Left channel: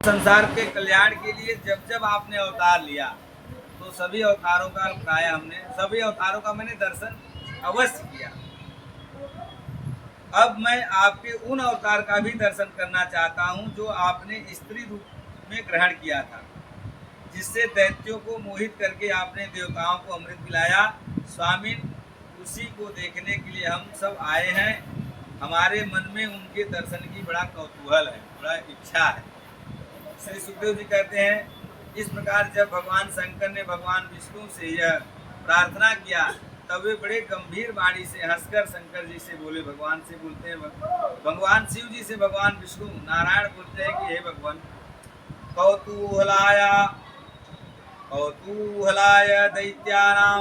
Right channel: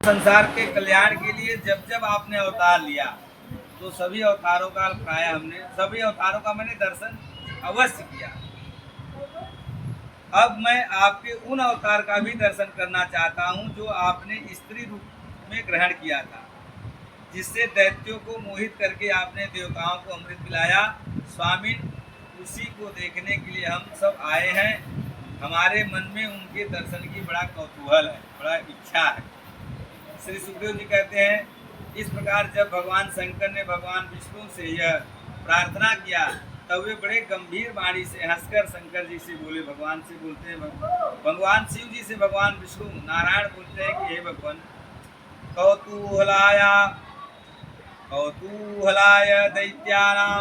संसार के कल्याण के लिए जब जब आपने अवतार लिया तो सभी अवतारों का सभी अवतारों का मैंने दर्शन अवश्य किया। अब मैं आपके उन अवतार का भी दर्शन करना चाहता हूं जो आपने स्त्री रूप में ग्रहण किया था, जिससे दैत्यों को मोहित करके आपने देवताओं को अमृत पिलाया। स्वामी, उसी को देखने के लिए हम सब आए हैं। हमारे मन में उनके दर्शन की बड़ा कौतूहल है, बड़ा इच्छा है। श्री सुखदेव जी कहते हैं, इस प्रकार जब भगवान शंकर ने भगवान विष्णु से यह प्रार्थना किया तब वे बड़े गंभीर वाणी से हंसकर शंकर जी से बोले। भगवान से बोलते हैं, भगवान शिव जी से भगवान विष्णु नारायण बोलते हैं कि हे भगवान, कौतूहलाय दैत्यानां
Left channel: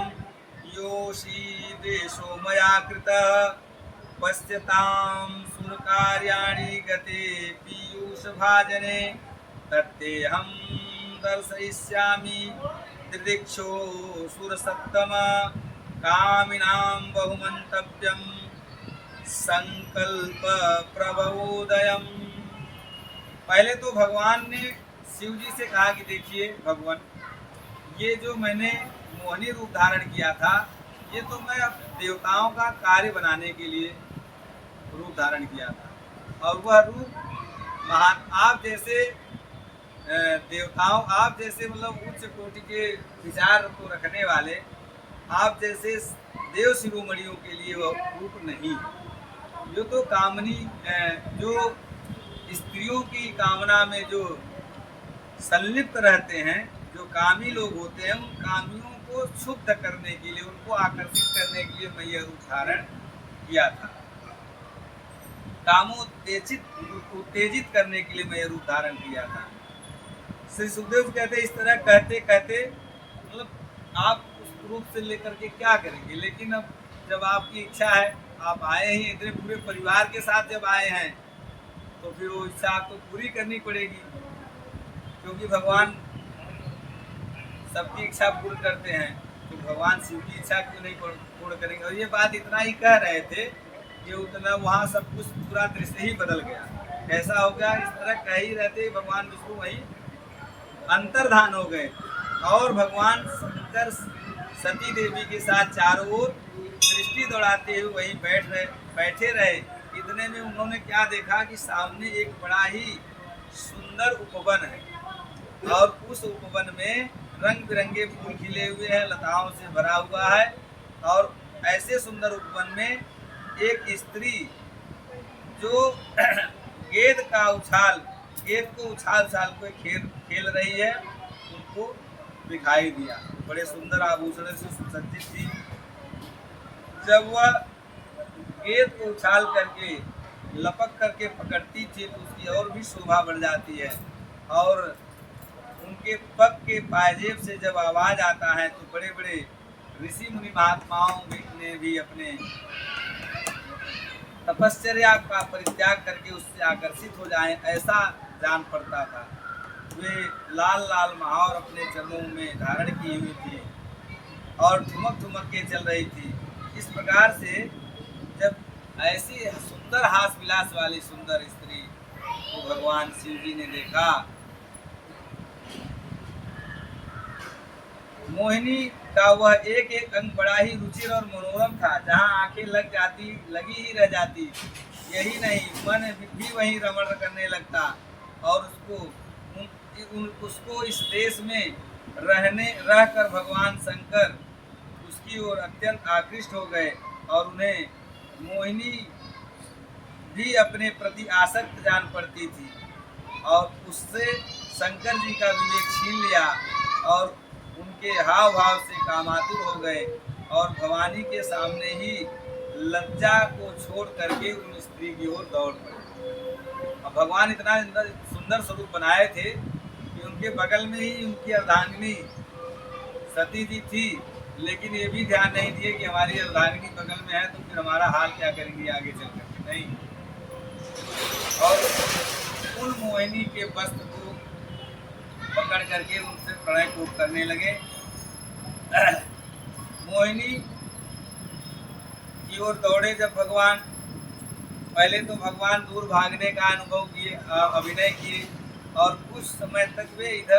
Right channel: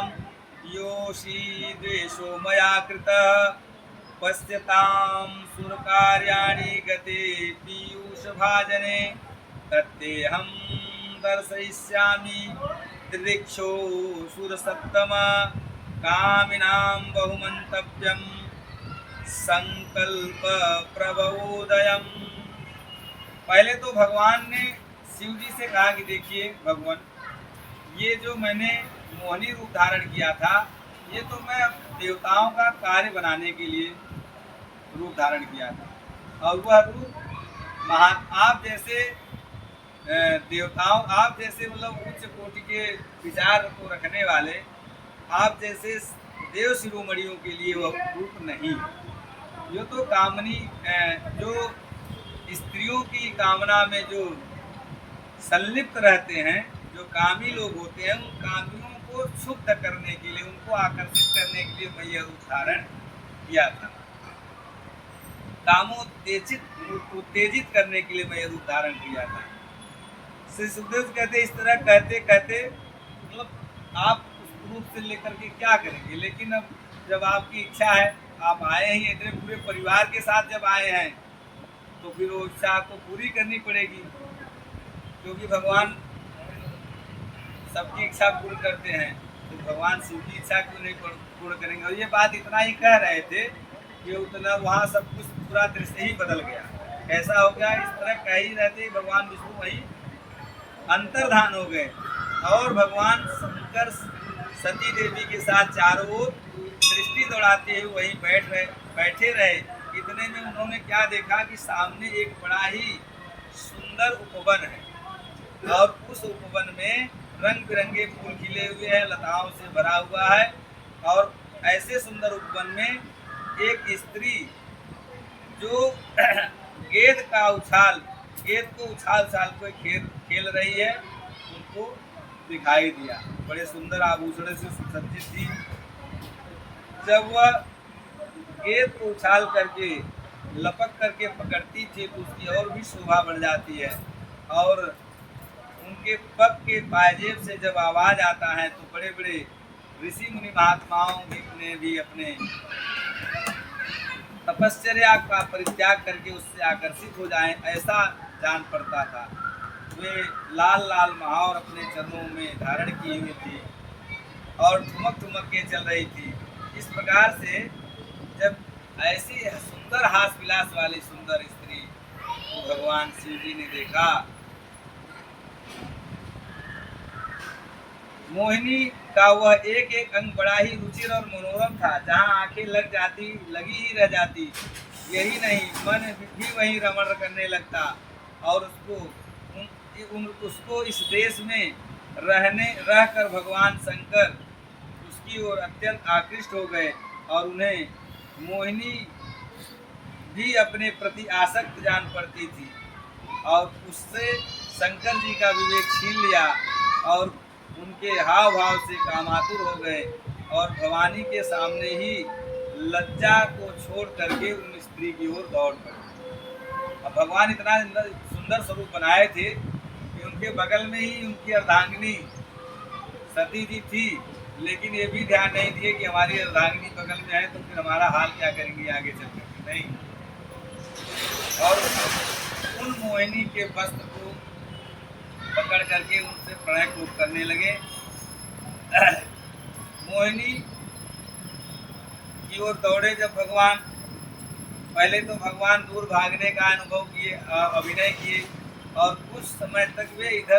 योषी द्वेषो मया कृतः पश्यतां सुरकार्याणि गते पीयूषभाजने तत्तेऽहं दर्शयिष्यामि दिदृक्षो सुरसत्तम कामिनां बहुमन्तव्यं संकल्प प्रबोधयम्। पहले तो भगवान ने शिव जी से कहा कि देखिए भगवान, ये जो मैंने मोहिनी रूप धारण किया था, ये तो मैं देवताओं का कार्य बनाने के लिए रूप धारण किया था, और वह रूप महान आप जैसे देवताओं, आप जैसे मतलब उच्च कोटि के विचार को रखने वाले, आप जैसे देव शिरोमणियों के लिए वह रूप नहीं है। जो तो कामनी, जो स्त्रियों की कामना में जो संलिप्त रहते हैं, जो कामी लोग होते हैं, उन कामियों को क्षुब्ध करने के लिए, उनको आकर्षित करने के लिए मैं यह रूप धारण किया था। उत्तेजित करने के लिए मैं यह रूप धारण किया था। श्री सुखदेव जी कहते, इस तरह कहते कहते मतलब आप उस रूप से लेकर के क्या करेंगे, लेकिन अब जब आपकी इच्छा है, आप आए ही इतने पूरे परिवार के साथ जब आए हैं, तो फिर वो इच्छा आपको पूरी करनी पड़ेगी, क्योंकि भगवान सबकी इच्छा पूर्ण करते हैं, तो भगवान शिव की इच्छा क्यों नहीं पूर्ण करेंगे। और ये बात इतना ही कह रहे थे कि उतना वहाँ सब कुछ पूरा दृश्य ही बदल गया। कैसा हो गया, इस तरह कह ही रहते ही भगवान विष्णु वहीं अंतर्धान हो गए, और भगवान शंकर सती देवी के साथ चारों ओर दृष्टि दौड़ाते हुए वहीं बैठे रहे। इतने में उन्होंने क्या देखा कि सामने एक बड़ा ही सुंदर उपवन है, और उस उपवन में रंग बिरंगे फूल खिले हुए हैं, लताओं से भरा हुआ है। और ऐसे सुंदर उपवन में एक स्त्री जो गेंद को उछाल को खेल रही है, उनको दिखाई दिया। बड़े सुंदर आभूषण से सुसज्जित थी। जब वह गेंद को उछाल करके लपक करके पकड़ती थी तो उसकी और भी शोभा बढ़ जाती है। और उनके पग के पायजेब से जब आवाज आता है तो बड़े बड़े ऋषि मुनि महात्माओं ने भी अपने तपश्चर्या का परित्याग करके उससे आकर्षित हो जाएं, ऐसा जान पड़ता था। वे लाल लाल महावर अपने चरणों में धारण की हुई थी और ठुमक के चल रही थी। इस प्रकार से जब ऐसी सुंदर हास विलास वाली सुंदर स्त्री को भगवान शिव जी ने देखा, मोहिनी का वह एक एक अंग बड़ा ही रुचिर और मनोरम था। जहाँ आंखें लगी ही रह जाती, यही नहीं मन भी वहीं रमण करने लगता, और उसको इस देश में रहकर भगवान शंकर उसकी ओर अत्यंत आकृष्ट हो गए, और उन्हें मोहिनी भी अपने प्रति आसक्त जान पड़ती थी, और उससे शंकर जी का विवेक छीन लिया, और उनके हाव भाव से कामातुर हो गए, और भवानी के सामने ही लज्जा को छोड़ करके उन स्त्री की ओर दौड़ पड़े। अब भगवान इतना सुंदर स्वरूप बनाए थे कि उनके बगल में ही उनकी अर्धांगिनी सती जी थी, लेकिन ये भी ध्यान नहीं दिए कि हमारी अर्धांगिनी बगल में है तो फिर हमारा हाल क्या करेंगे आगे चल करके, नहीं। और उन मोहिनी के वस्त्र को पकड़ करके उनसे प्रणय को करने लगे। मोहिनी की ओर दौड़े जब भगवान, पहले तो भगवान दूर भागने का अनुभव किए, अभिनय किए, और कुछ कुछ समय तक वे इधर